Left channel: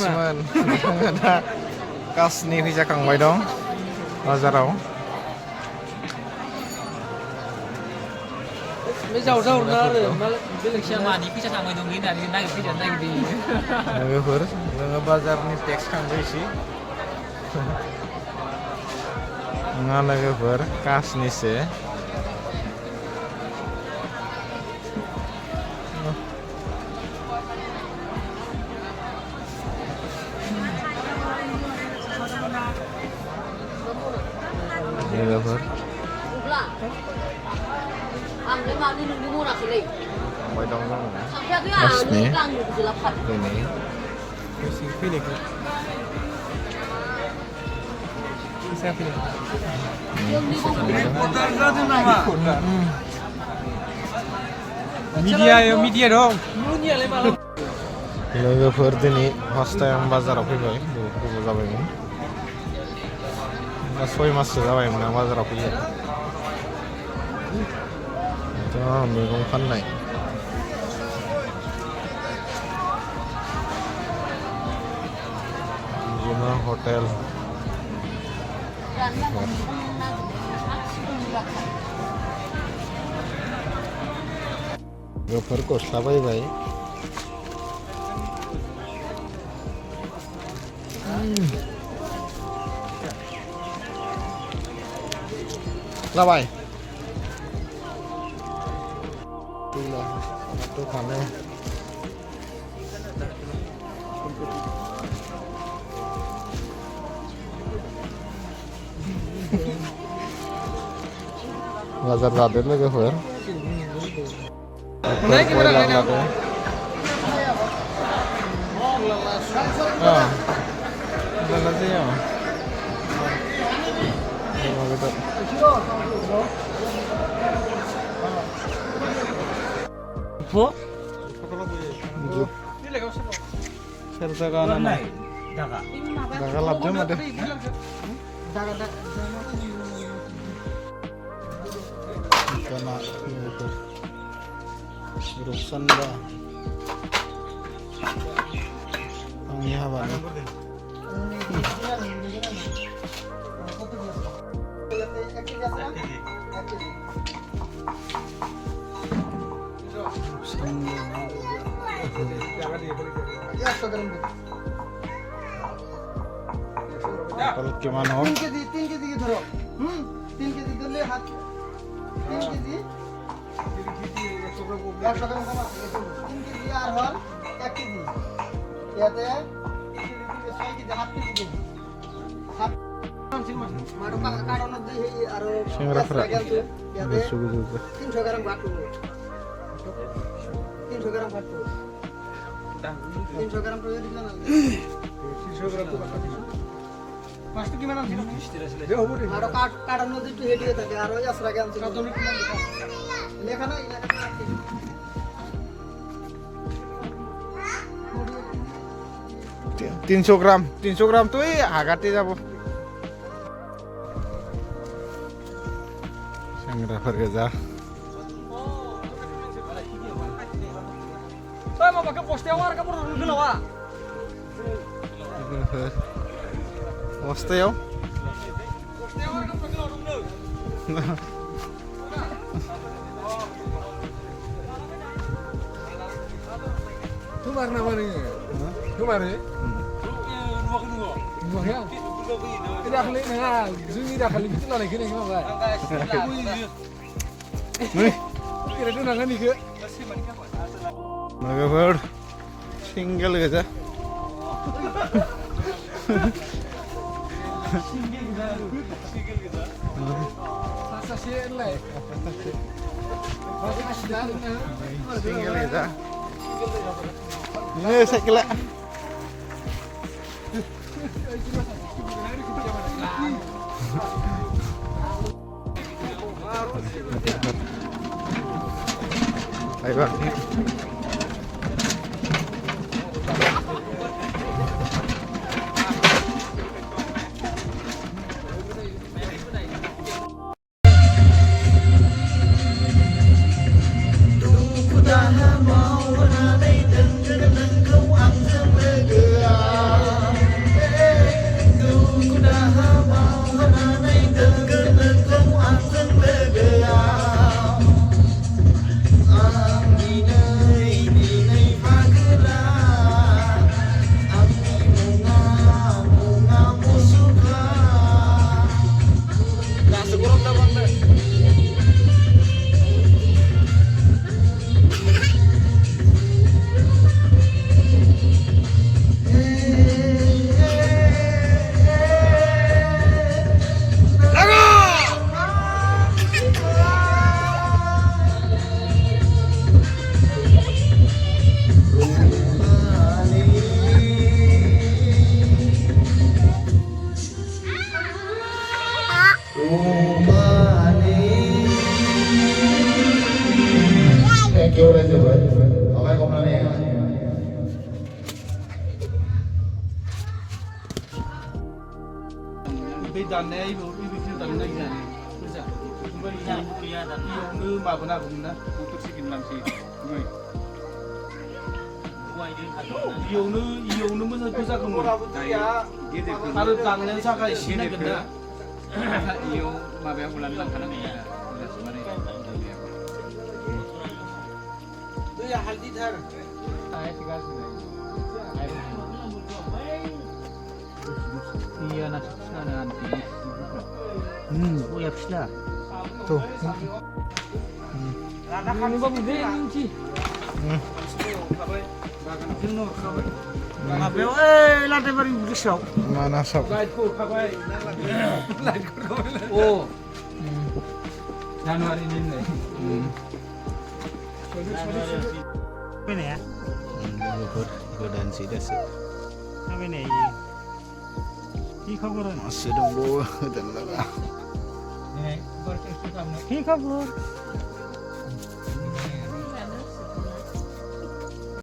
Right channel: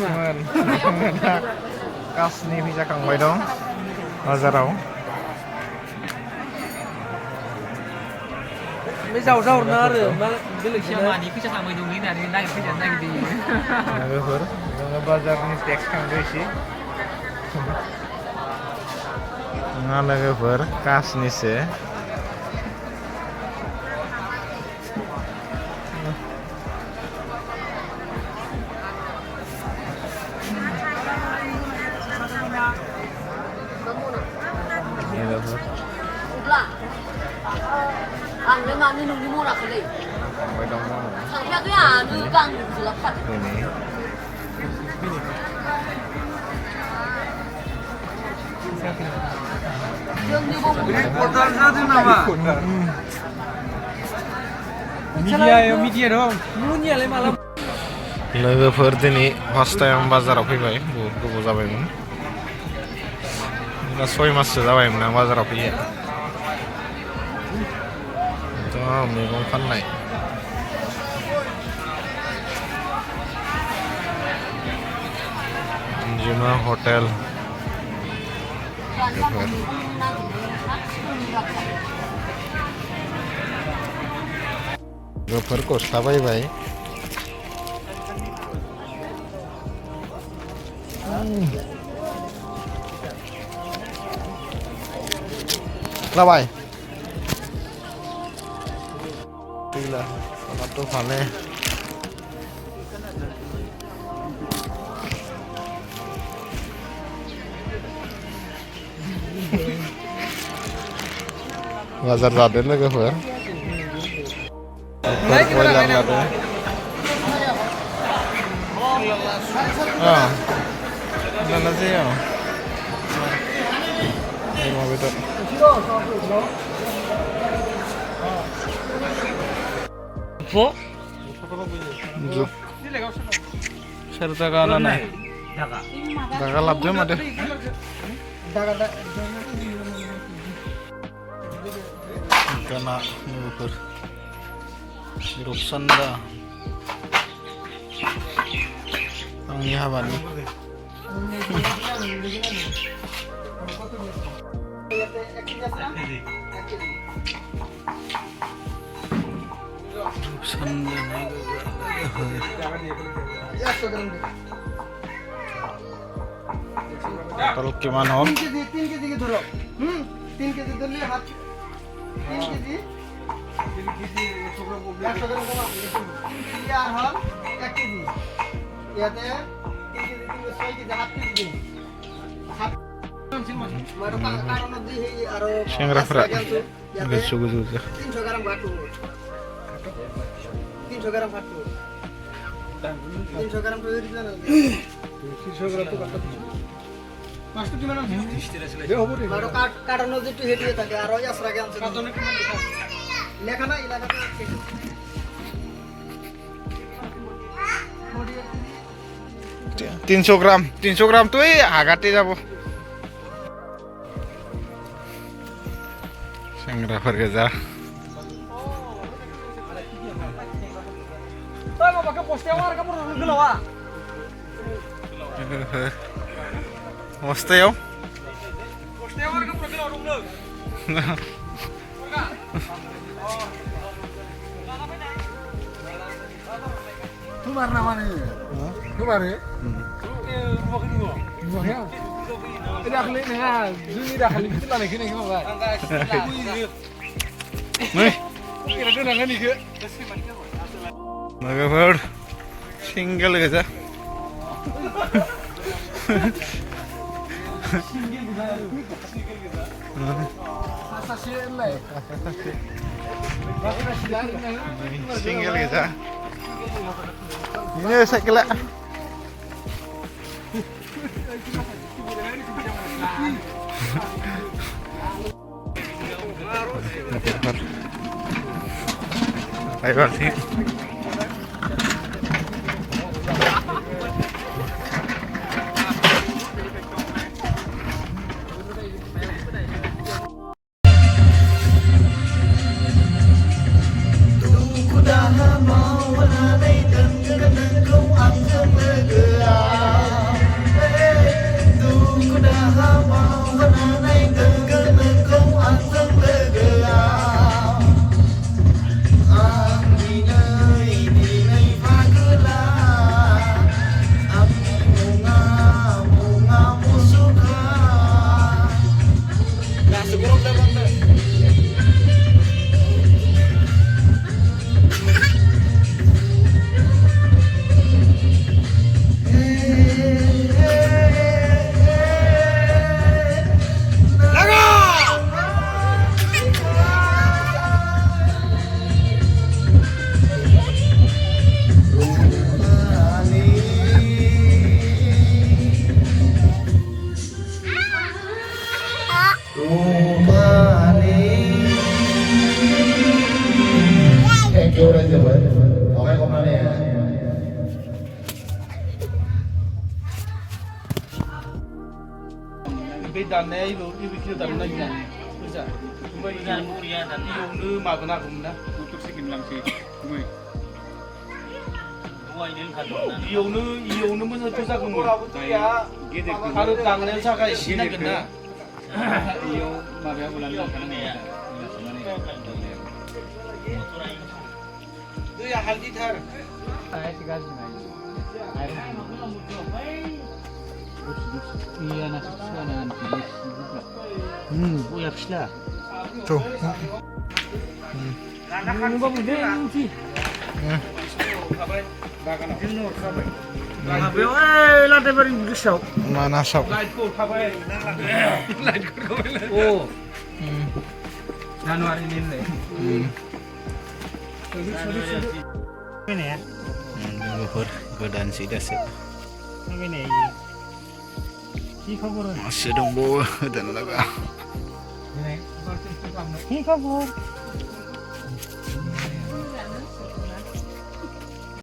kasman kasनि फैजाखांबाय दं बाजाराव Mấy giàu giàu nó được nó Cái xe mà đi cái xe mà dùng cái này đang cái gì đang đi लोगोफोर जोङो बाजारनि tax खांदो एसे नङा लोगोफोर कासनिसो लोगोफोर थांबाय दं जोङो कासनि media dong. Munya le malam. लोगोफोर दिनै फार्स्ट टाइम बाजाराव फैबाय बहुत गोबाव जाबायमोन दा 6 माससो जाबायमोन आं बाजाराव फैयो दा मैगं फाननाय जिमा हटेल लोगोफोर गस्ला बायबाय लाबाय गैला टमाट' फानो बाजार जादों लोगोफोर बयलार लादों लाला जायो अमा बेदर सोर जागा नाय जागा लाबदो मादो गाना लोगोफोर रुपसान्दा आंनि हाबानि टोटल किमान हो 3 केजी की धरो 3 केजी धरले हात 3 केजी 100 গ্রাম কমা 3 কেজি আর হল 1 কেজি ইয়াতে 3 কেজি 6 কেজি হাত কেজি দিন হাত মারো কারণ দি আর सेंग्राफोरा गोसो गोजौ 300 গ্রাম বাটু 300 গ্রাম বাটু 300 গ্রাম তো দিল না 300 গ্রাম তো বাটা পাঁচটা কি ম্যাডাম এ হবে মারো কারণ দি তো হেডিয়ে থাকে আর ওই আসরা জ্ঞান কত নে কিমান লেখা না ইলাকাতে আছে 300 গ্রাম তুই হাগাতে যাব सेंग्राफोर गोजा बस्थायाव Kemar namanya? Kemar ya? Nuhnya? Tidak kali nih ya, jadi dah kali itu lagi nih kemana? Nih, kira dia nangan nih ke? लोगोफोर सिंगल गोजा सिंगल गोजा ini साइकेला ayo sih Ku dah lama wala nay dan kadang kau ang sama gerak बे दाननाया इबो दाननाय जाने फैसा ओमफ्राय इयावनो मागोन आगौमोन ना मटर सिकेन लांसै ओमफ्राय इयावनो मोजां फैसाखौमोन गेदेरखौ आरो दाननायनि थाखाय एसे नांगोन ना इयाव माबायाव लानो लांखानांगोन दैया हालदिथार iya nasi pislah nanti boleh pislah tuh ini bang ini lantai baru besar mana sok oh Januari ini nih ini ya logofor godaan sih dasar ini কি খবর masih dong bu dan laga কি খবর